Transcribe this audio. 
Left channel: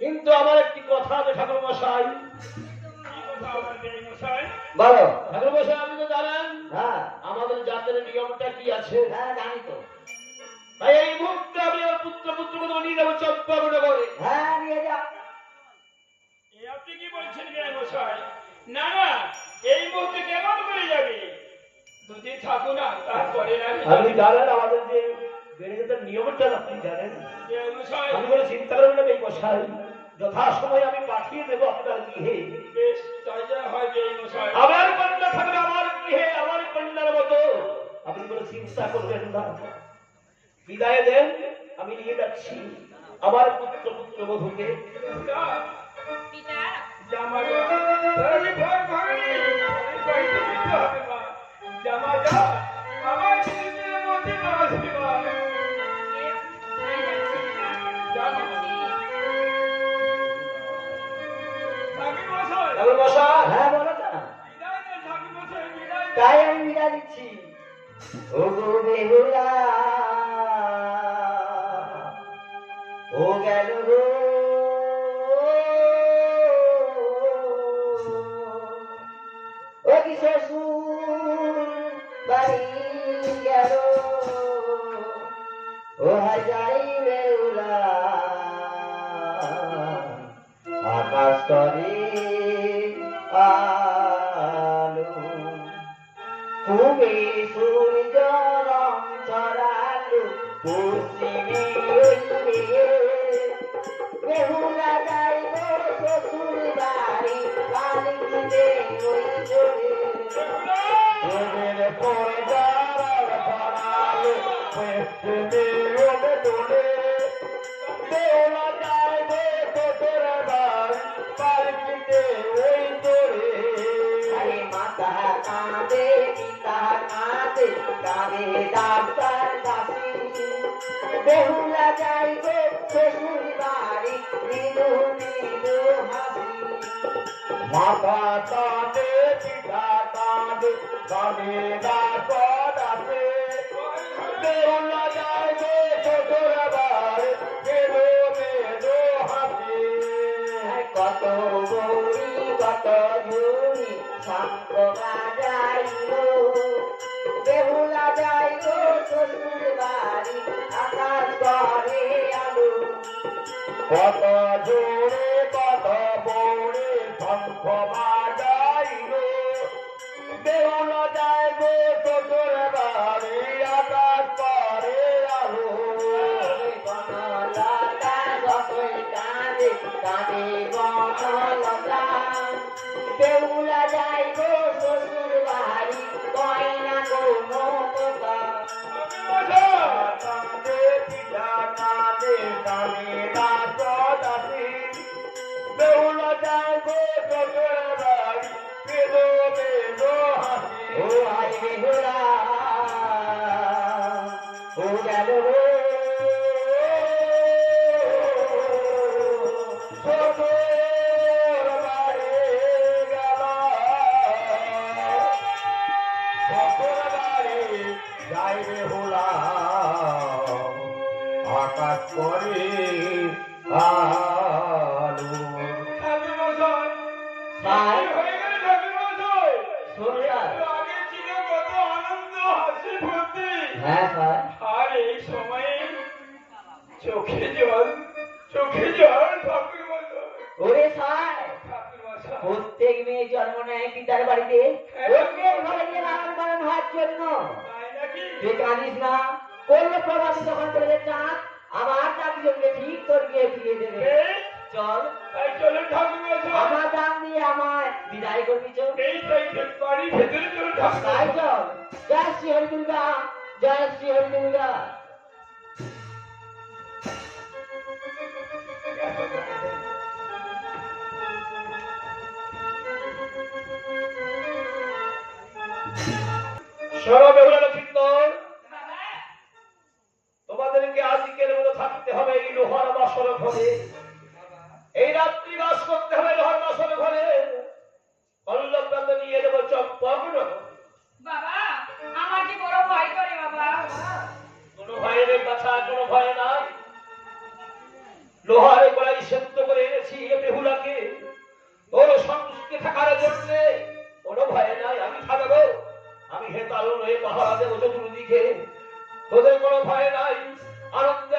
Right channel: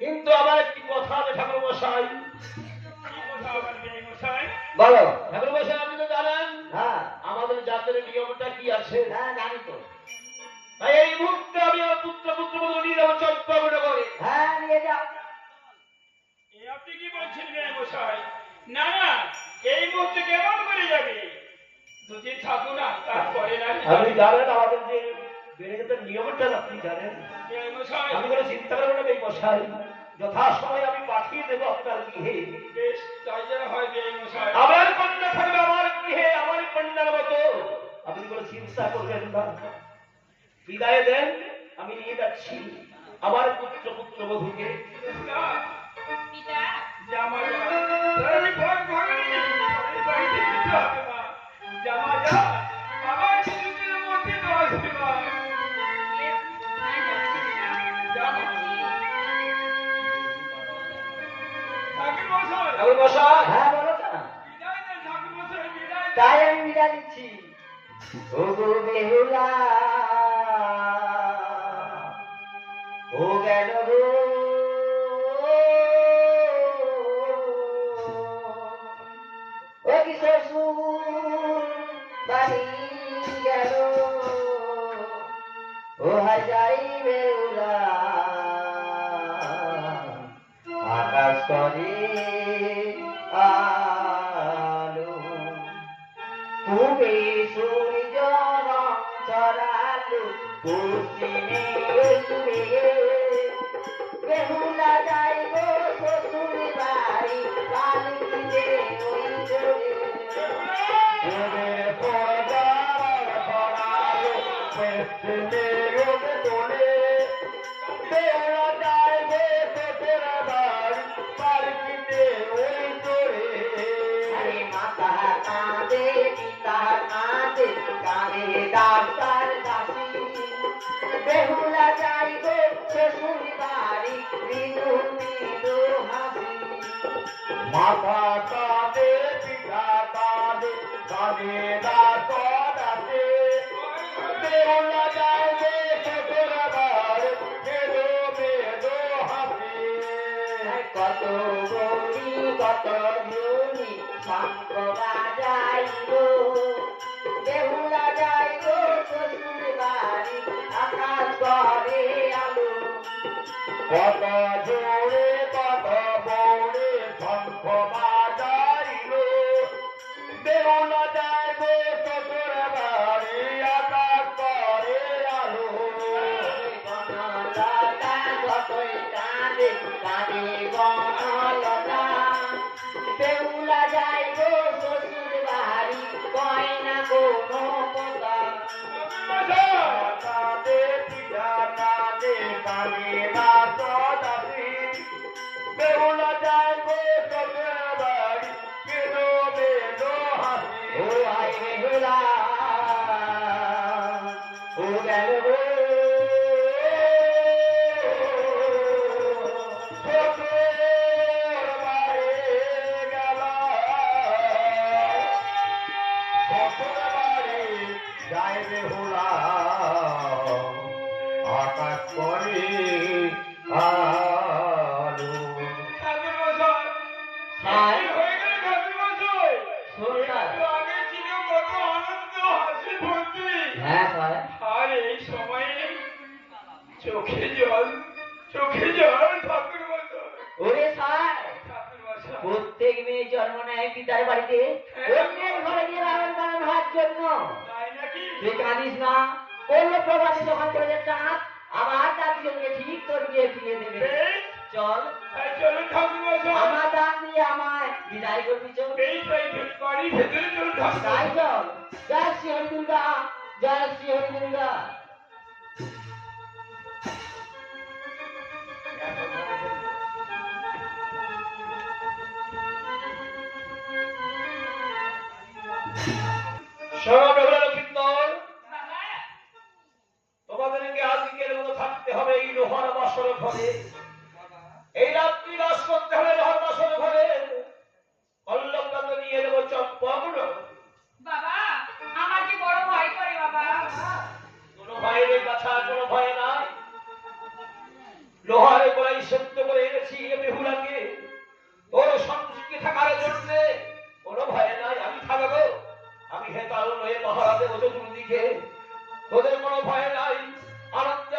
কিন্তু আমার একটি কথা আছে ঠাকুর মশাই। বলো ঠাকুর মশাই, আপনি তো জানেন আমাদের জাতের নিয়মটা কি আছে। হ্যাঁ জানি তো। তাই এই মুহূর্তে আমি আমার পুত্র পুত্রবধূ নিয়ে যাবো চম্পাবনে করে। হ্যাঁ নিয়ে যাও। আপনি কি বলছেন মশাই? না না, এই মুহূর্তে কেমন করে যাবে? দুদিন থাকো না, তারপরে আপনি জানেন আমাদের যে বেড়ে নিয়মটা আপনি জানেন। আমি কোনো চিন্তা করবো না এই মশাই, যথাসময়ে আমি পাঠিয়ে দেবো আপনার গৃহে। বেশ তাই যেন হয় মশাই। আমার কন্যা থাকবে আমার গৃহে, আমার কন্যার মতো। আপনি কোনো চিন্তা করবেন না, বিদায় দেন, আমি নিয়ে যাচ্ছি আমার পুত্র পুত্রবধূকে। হ্যাঁ বলো না, তাই আমি বিদায় দিচ্ছি। ও গো বেহুলা, ও গেল গো, ও কি শ্বশুর বাড়ি গেল, ও হাজারি বেহুলা, আকাশ করে আলো, পূবে সূর্য রং ছড়ালো, পশ্চিমে বেহুলা যাইব শ্বশুর বাড়ি, বালিতে ওই চলে পর্দার ছড়ালো, পশ্চিমে তোলে, বেহুলা যাইব শ্বশুর বাড়ি, বালিতে ওই চলে। আরে মাতা কাঁদে, পিতা কাঁদে, কাঁদে ডাক্তার দাসী, বেহুলা যাইব শ্বশুর বাড়ি, মৃদু মৃদু হাসি। মাতা কাঁদে, পিতা কাঁদে, কাঁদে ডাক্তার দাসী, বেহুলা যাইব শ্বশুর বাড়ি, মৃদু মৃদু হাসি। কত গৌরী কত ঝুনি শঙ্খ বাজাইল, বেহুলা যাইব শ্বশুর বাড়ি, আকাশ করে আলো। কত জোরে কত বৌড়ে শঙ্খ বাজাইল, বেহুলা যাইব শ্বশুর বাড়ি, আকাশ করে আলো। বনলতা যতই কাঁদে, কাঁদে বনলতা, বেহুলা যাইব শ্বশুর বাড়ি, কয় না কোনো কথা। কাঁদে পিতা কাঁদে, কাঁদে ডাক্তার দাসী, বেহুলা যাইব শ্বশুর বাড়ি, মৃদু মৃদু হাসি। ও আই বেহুলা, ও গেল গো, শ্বশুর বাড়ি গেল, শ্বশুর বাড়ি যাই বেহুলা, আকাশ করে আলো। হ্যাঁ স্যার। আর এই সময়ে চোখে জল, চোখে জল। ঠাকুর মশাই, ওরে স্যার, প্রত্যেক মেয়ে জন্ম নেয় পিতার বাড়িতে, অন্যের ঘরে গিয়ে লালন পালন হওয়ার জন্য। তুই কাঁদিস না, অন্য প্রবাসী যখন চলে চাঁদ, আবার তার সঙ্গে ঠিক তোর গিয়ে ফিরিয়ে দেবে। চল চলো ঠাকুর মশাই, আমার দান দিয়ে আমায় বিদায় করবি। চল এই বাড়ি ভেতরে চলো ঠাকুর। তাই চল। জয় শ্রী হরি দুর্গা, জয় শ্রী হরি দুর্গা। তোমাদেরকে আজকের মতো থাকতে হবে এই লোহার বাসর ঘরে, এই রাত্রি বাস করতে হবে লোহার বাসর ঘরে। পল্লবটা তো নিয়ে দেবো চম্পগ্ন। বাবা আমার কি বড় ভয় করে বাবা। কোনো ভয় নেই বাছা, কোনো ভয় নাই। লোহার গলায় সত্য করে এনেছি বেহুলাকে তোর সঙ্গে থাকার জন্য। কোনো ভয় নাই, আমি থাকবো। আমি হে কারণ হয়ে পাহারা দেবো চতুর্দিকে, তোদের কোনো ভয় নাই। আনন্দ